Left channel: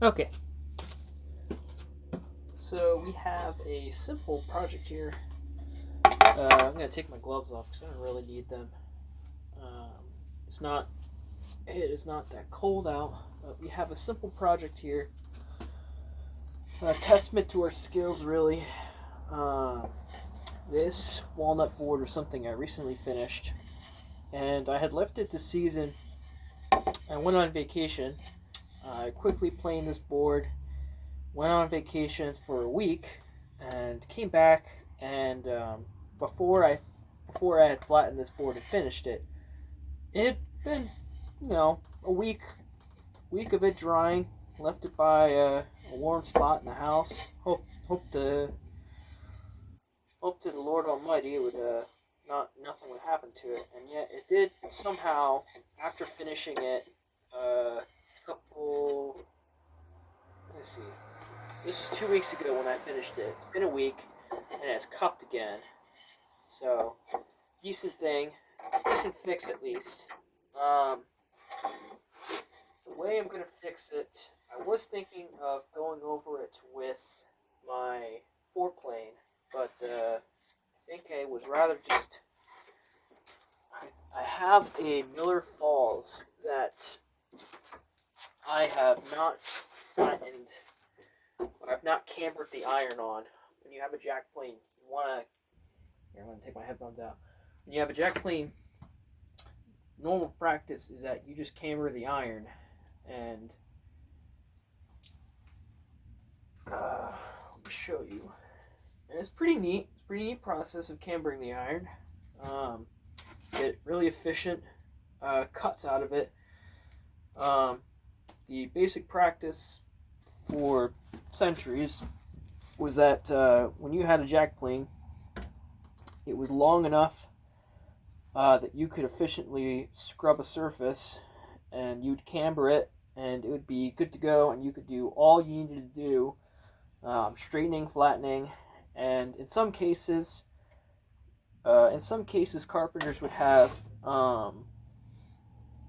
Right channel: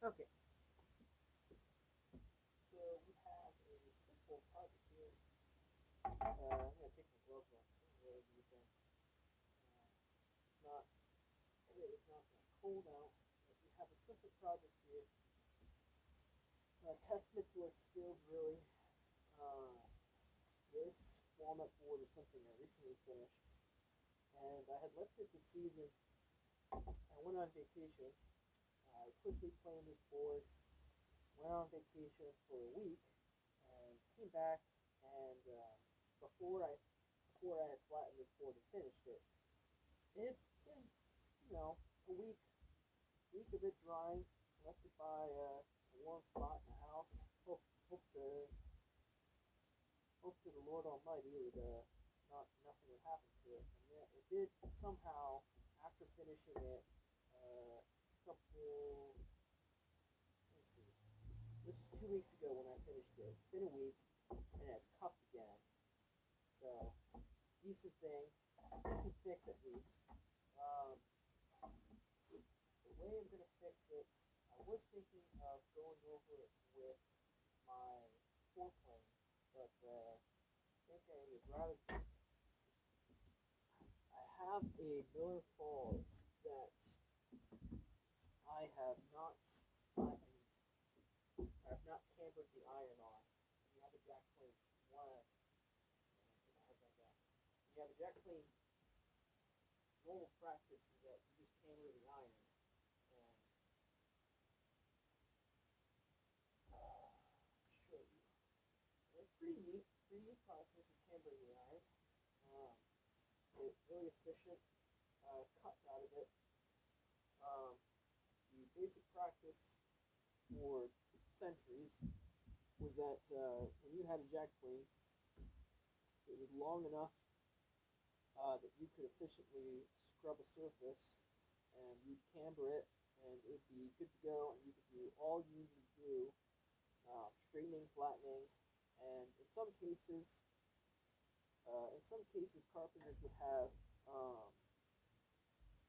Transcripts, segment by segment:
Okay, so we have a simple project here. I'm gonna take my gloves off because I don't really need them. Um, it's not it is not that cold out, but we have a simple project here. A testament to our skills, really. Uh, this walnut board was something I recently finished, and I had left it to season. I went on vacation. I quickly planed this board, went on vacation for a week, and came back. And before I before I had flattened this board and finished it, it had been a week of it drying. Left it by a warm spot in the house. Hope to the Lord Almighty it would not nothing would happen to it, and yet it did somehow. After finishing it, a couple. Let me see. This was 2 weeks ago when I finished it. It's been a week, and it's cupped again. So, decent thing, decent fix at least. Um, the way I'm gonna fix it, I was thinking of going over it with my foreplane, but I think I was rather just. I have a Miller Falls that I have not flattened, or I've not cambered the iron on. When you have a jack plane, you wanna. Here, I'm gonna take my headphones out. When you have a jack plane, normal practice is that you just camber the iron, and let me show you. And it's pretty neat. It's a pretty neat process of cambering the iron. Um, get really efficient cuts out of it. Um, the basic practice for centuries was that when you had a jack plane, it was long enough that you could efficiently scrub a surface, and you'd camber it, and it would be good to go, and you could do all you needed to do, straightening, flattening, and in some cases, carpenters would have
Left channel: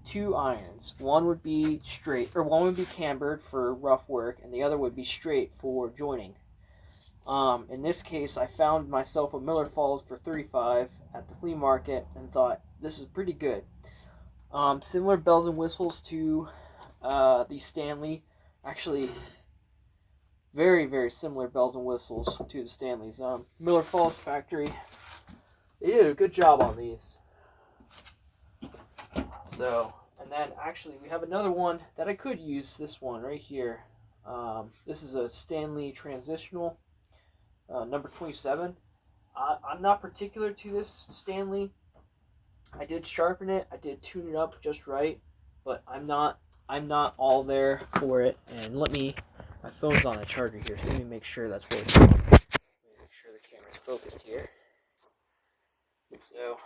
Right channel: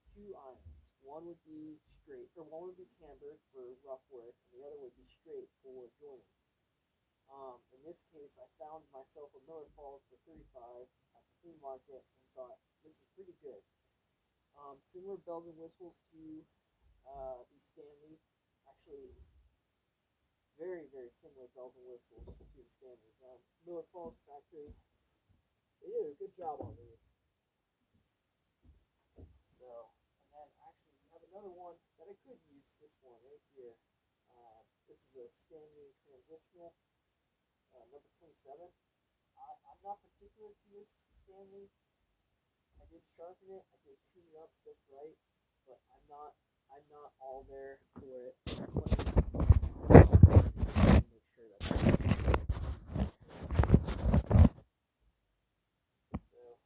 two irons. One would be straight, or one would be cambered for rough work, and the other would be straight for joining. In this case, I found myself a Miller Falls for 35 at the flea market and thought this is pretty good. Similar bells and whistles to the Stanley. Actually, very, very similar bells and whistles to the Stanleys. Miller Falls factory, they did a good job on these. So, and then actually we have another one that I could use. This one right here. This is a Stanley Transitional, number 27. I'm not particular to this Stanley. I did sharpen it. I did tune it up just right, but I'm not all there for it. And my phone's on a charger here, so let me make sure that's what. Make sure it's focused here. So,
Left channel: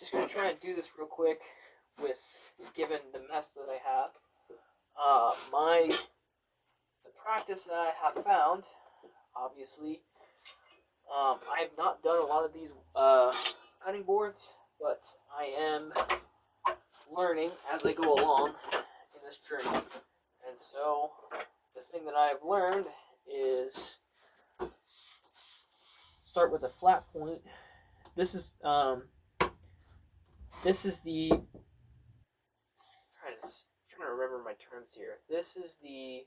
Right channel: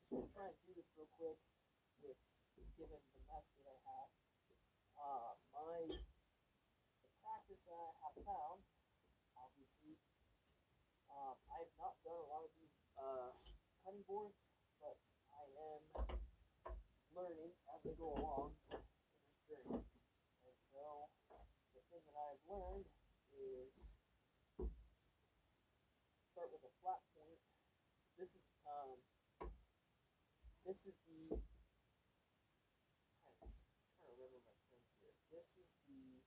just gonna try and do this real quick, with given the mess that I have. The practice that I have found, obviously, I have not done a lot of these cutting boards, but I am learning as I go along in this journey. And so, the thing that I have learned is start with a flat point. This is the trying to remember my terms here. This is the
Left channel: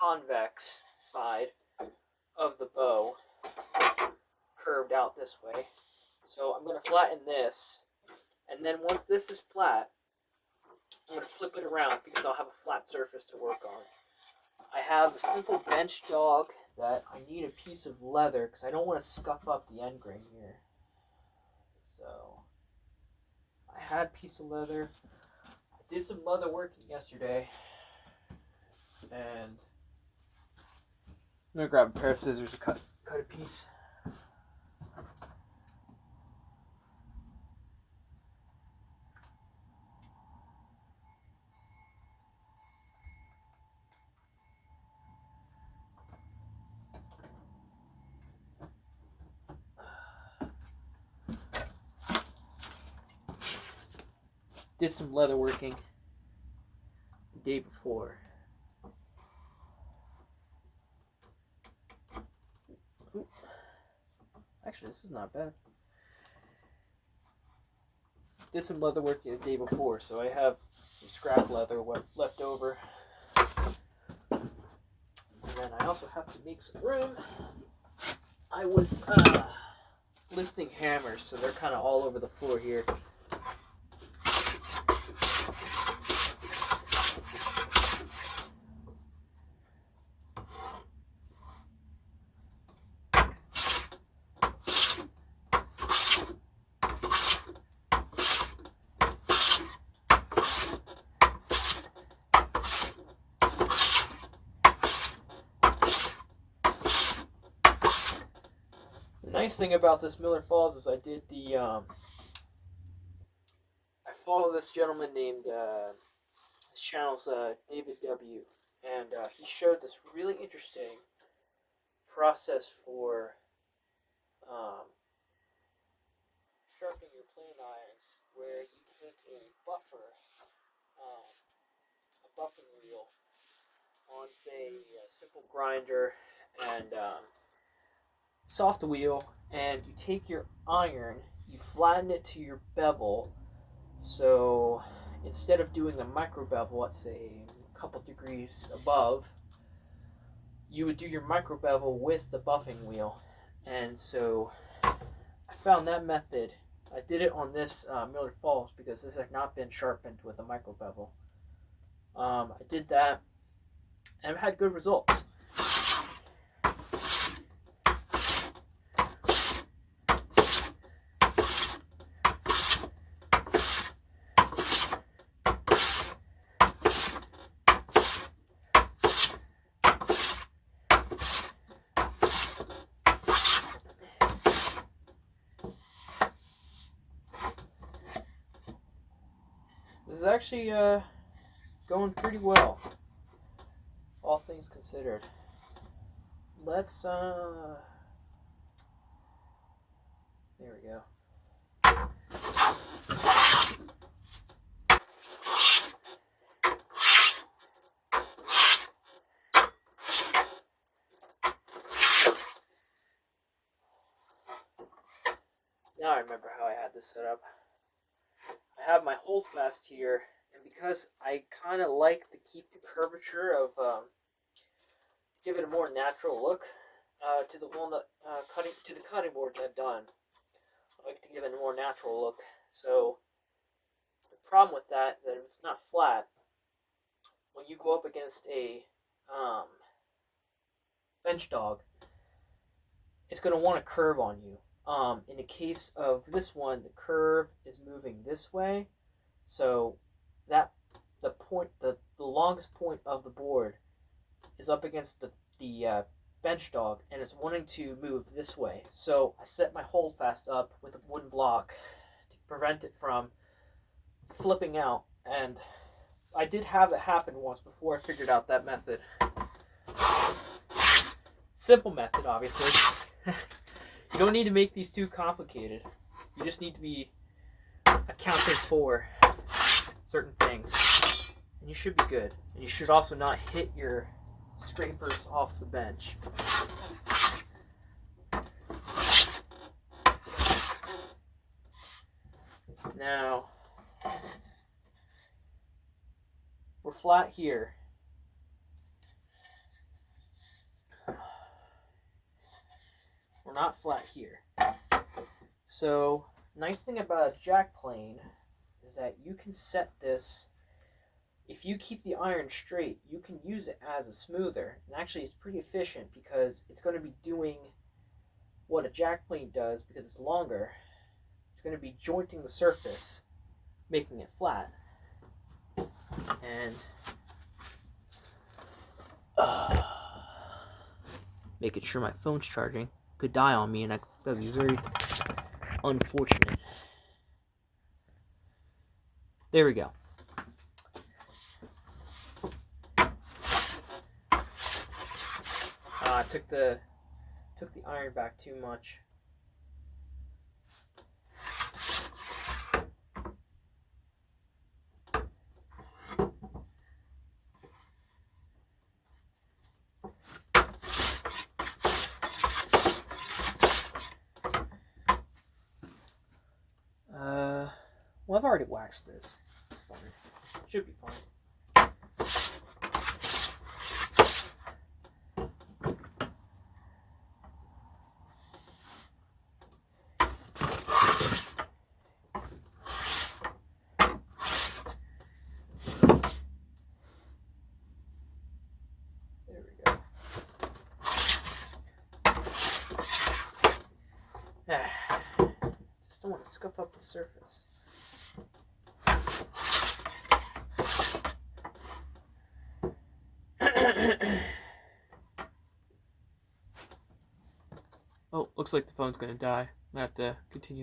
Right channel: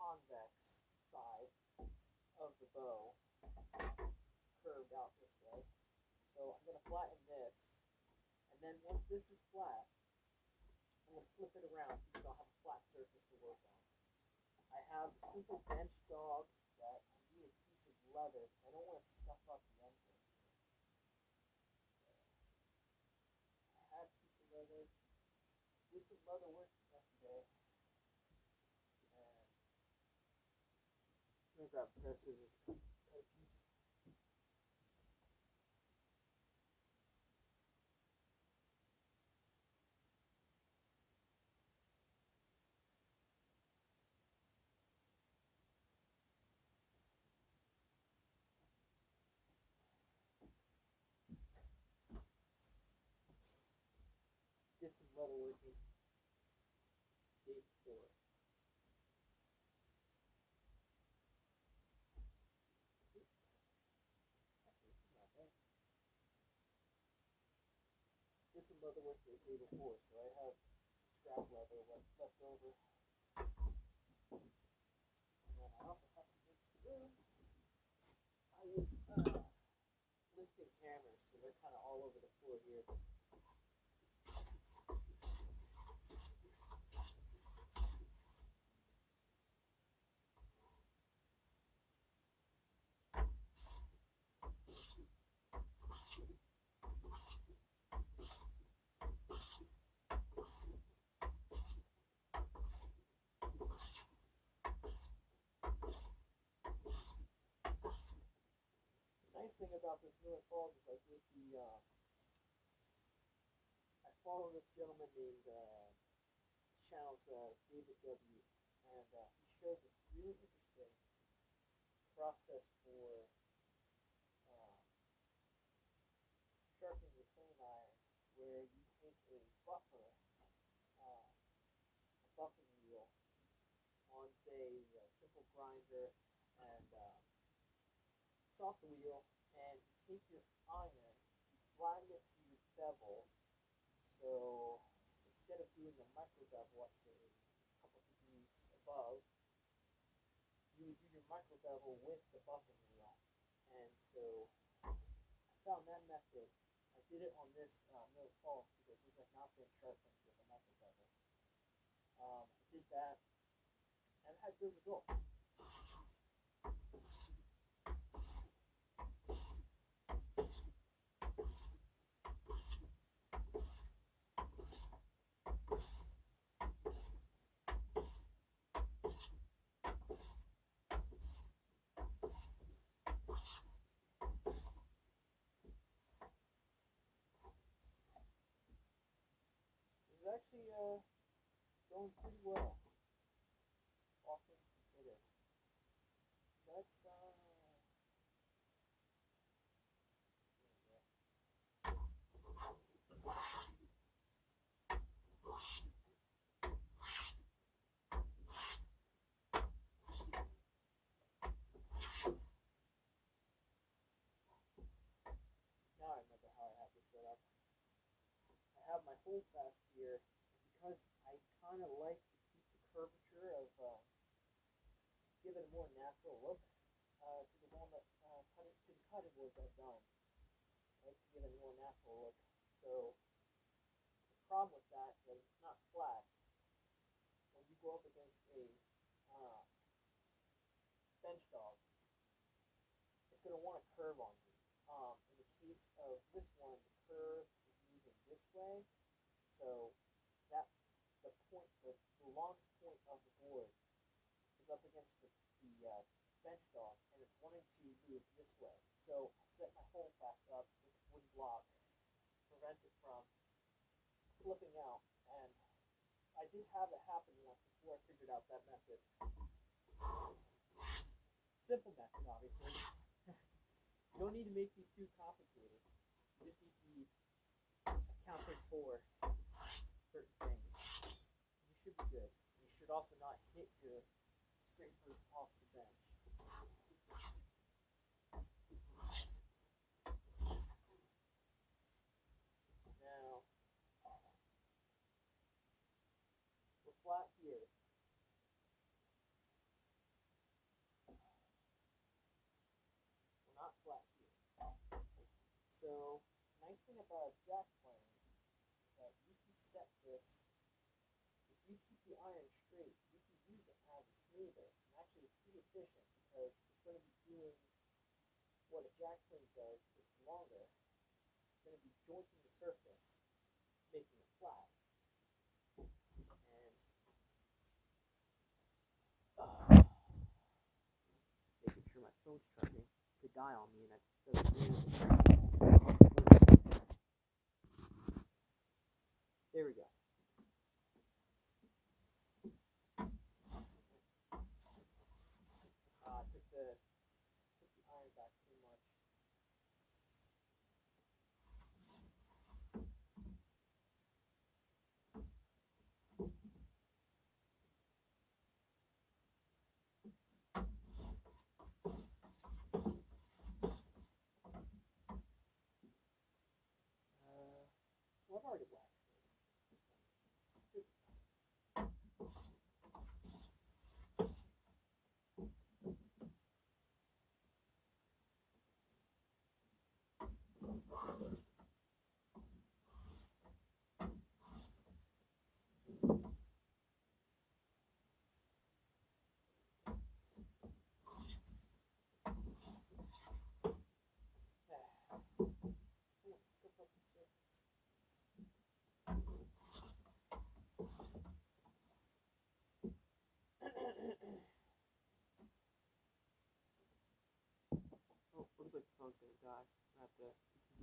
convex side of the bow, curved out this way. So I'm going to flatten this, and then once this is flat, I'm going to flip it around because I'll have a flat surface to work on. I have a simple bench dog that I need a piece of leather because I don't want to scuff up the end grain here. So I had a piece of leather. I did some leather working yesterday, and I'm going to grab a pair of scissors to cut a piece. Did some leather working. the day before. Ooh. Actually, this is not bad. Did some leather work the day before, so I have some scrap leather left over. And then I also have to make some room. I was listing hammers, so they're kind of all over the floor here. The nice thing about this Miller Falls is I did the I follow this gentleman named his channel's David W, and he showed this really interesting process for sharpening your plane irons, where you take a buffer, a buffing wheel on say a simple grinder and soft wheel, and you take your iron, you flatten it to your bevel. So instead of doing a micro bevel at say a couple degrees above, you would do your micro bevel with the buffing wheel. And so I found that method. I did it on this Miller Falls because this had not been sharpened with a micro bevel. I did that and I've had good results. This is actually going pretty well, all things considered. Let's there we go. Now I remember how I had this set up. I have my holdfast here, and because I kind of like to keep the curvature of, give it a more natural look to the walnut to the cutting boards I've done. I like to give it a more natural look. So the problem with that is that if it's not flat, when you go up against a bench dog, it's going to want to curve on you. In the case of this one, the curve is moving this way, so that the longest point of the board is up against the bench dog, and it's wanting to move this way. So I set my holdfast up with a wooden block to prevent it from flipping out, and I did have it happen once before I figured out that method. Simple method, obviously. You don't need to make these too complicated. You just need to be accounted for certain things, and you should be good. And you should also not hit your scrapers off the bench. Now, we're flat here. We're not flat here. So, nice thing about a jack plane is that you can set this, if you keep the iron straight, you can use it as a smoother. And actually it's pretty efficient because it's going to be doing what a jack plane does because it's longer. It's going to be jointing the surface, making it flat. And making sure my phone's charging could die on me, and that would be very unfortunate. There we go. I took the iron back too much. I've already waxed this. It's fine. Should be fine. There we go. Just don't want to scuff up the surface. Oh, looks like the phone's gonna die. I have to continue.